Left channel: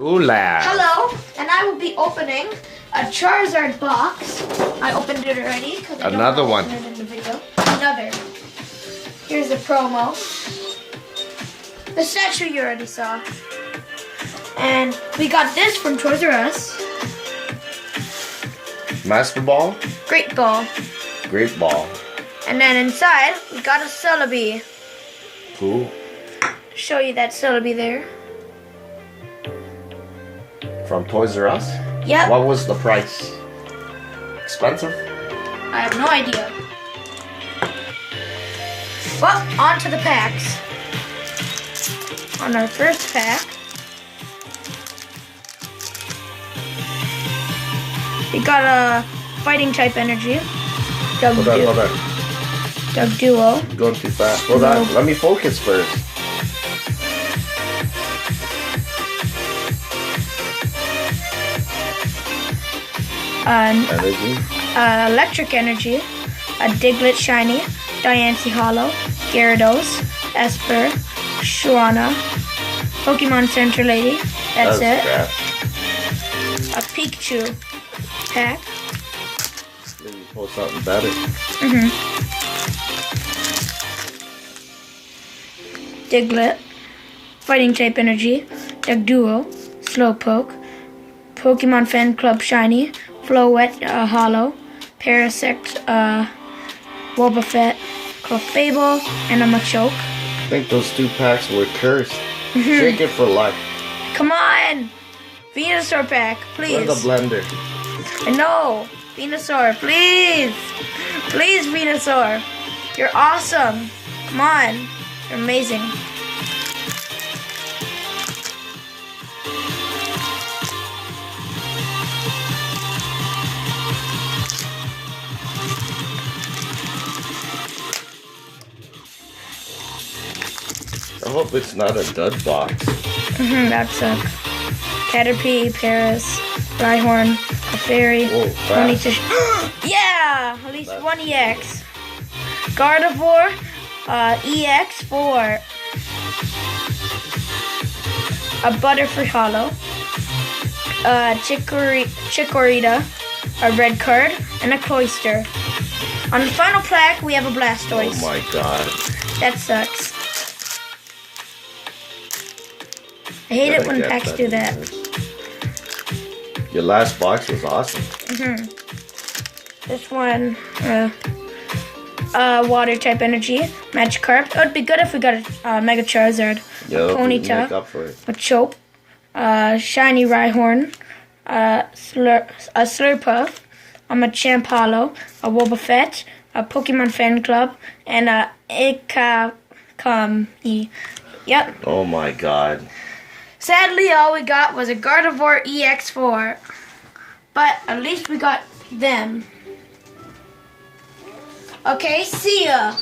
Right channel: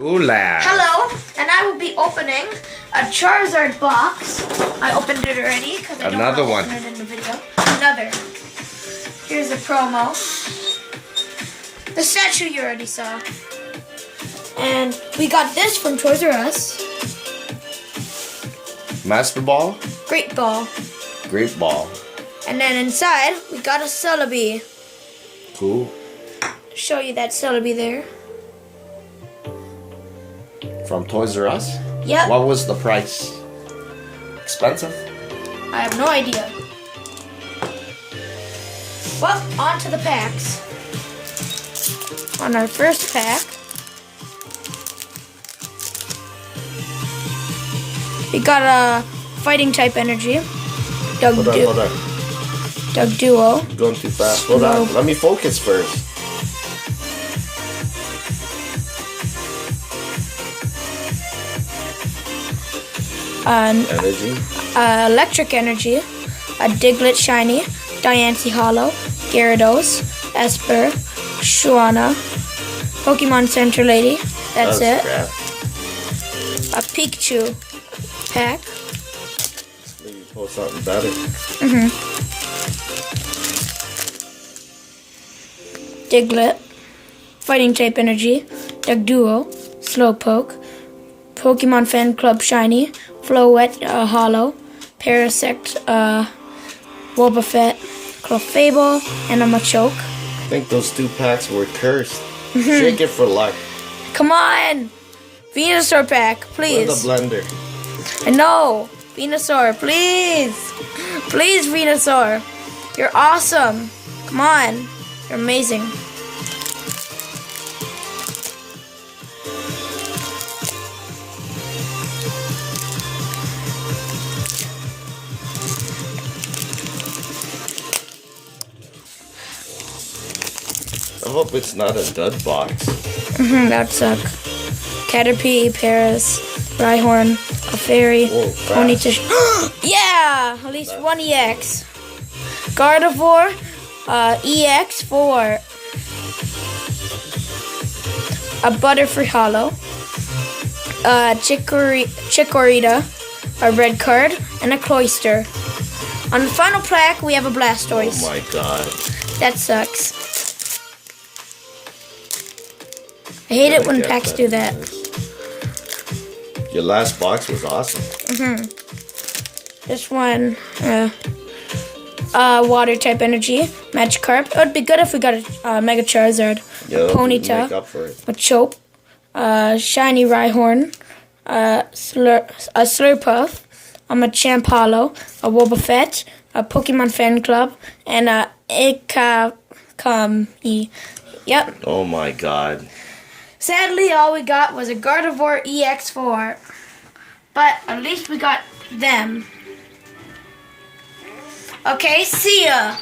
Hola. Hello, and I will be opening a Charizard box. I opened it already because I don't Another one. open it in the video. Another. Here's a promo. The statue you already saw. And we got this from Toys R Us. Master Ball. Great ball. Great ball. And then inside, we got a celibi. Cool. Show you that celibi there. From Toys R Us? Yep. What was the price? Expensive? I have no idea. Well, on to the packs. On our first pack, we got a fighting type energy. Hold on. Doug Duo. Going too fast. Hold on. Let me focus first. Energy. Electric energy. A Diglett Shiny. Diancie Hollow. Gyarados. Esper. Shuana. Pokemon Center Lady. That's it. Crap. A Pikachu pack. Maybe pull something better. Diglett. Fighting type energy. Doug Duo. Slowpoke. Pokemon Fan Club Shiny. Floette Hollow. Parasect Wobbuffet. Clefable. And a Machoke. I think those two packs were cursed. Shake it for luck. Come on! Venusaur pack, please. Where's the blender? I know! Venusaur, please! Please, Venusaur! You're awesome! Come on! You're amazing. I hope it's not a dud box. That'd suck. Caterpie, Paris, Rhyhorn, a Fairy, Ponyta. Yeah! At least one EX. Gardevoir, EX for a Butterfree Hollow, Chikorita, a red card, and a Cloyster. On the final pack, we have a Blastoise. Oh my god. That sucks. I hate it when packs do that. Your last box was awesome. This one, water type energy, Magikarp. It would be good if we got a Mega Charizard. Yeah, Ponyta, make up for it. Machoke, Shiny Rhyhorn, a Slurpuff, a Machamp Hollow, a Wobbuffet, a Pokemon Fan Club, and a Ikakami. Yep. Oh my god. Sadly, all we got was a Gardevoir EX4. But at least we got them. Okay, see ya!